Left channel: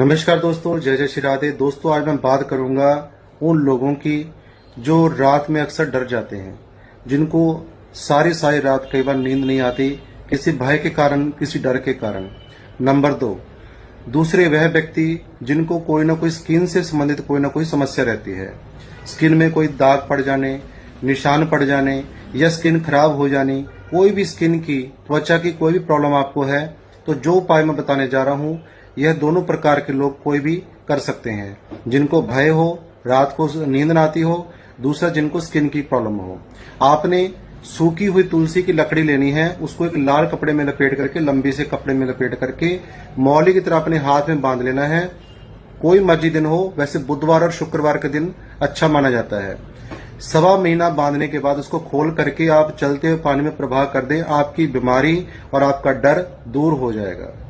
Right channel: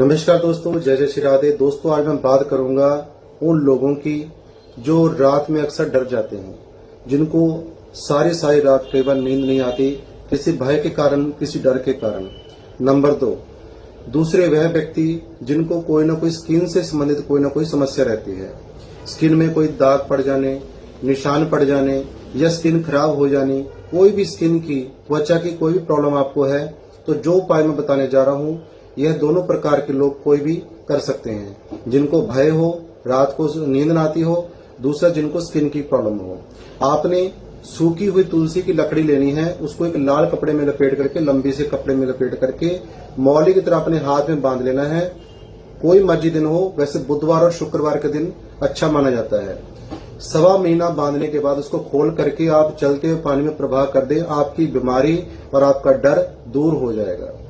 नमस्कार दोस्तों, जय जय श्री राधे। दोस्तों, आज मैं बात करूंगा उन लोगों की जो रात में अक्सर डर जाते हैं, जिनको सारी रात कई बार नींद नहीं आती, किसी भय के कारण, किसी डर के कारण। नंबर 2, दूसरे वह व्यक्ति जिनको कोई ना कोई स्किन से संबंधित कोई ना कोई समस्या रहती है। स्किन में कोई दाग पड़ जाने, निशान पड़ जाने या स्किन खराब हो जानी, कोई भी स्किन की, त्वचा की कोई भी प्रॉब्लम आपको है, तो जो उपाय मैं बताने जा रहा हूं, यह दोनों प्रकार के लोग कोई भी कर सकते हैं। जिनको भय हो, रात को नींद ना आती हो, दूसरा जिनको स्किन की प्रॉब्लम हो। आपने सूखी हुई तुलसी की लकड़ी लेनी है, उसको एक लाल कपड़े में लपेट करके, लंबी से कपड़े में लपेट करके मौली की तरह अपने हाथ में बांध लेना है। कोई मर्जी दिन हो, वैसे बुधवार और शुक्रवार के दिन अच्छा माना जाता है। सवा महीना बांधने के बाद उसको खोल करके आप चलते हुए पानी में प्रवाह कर दें, आपकी बीमारी और आपका डर दूर हो जाएगा।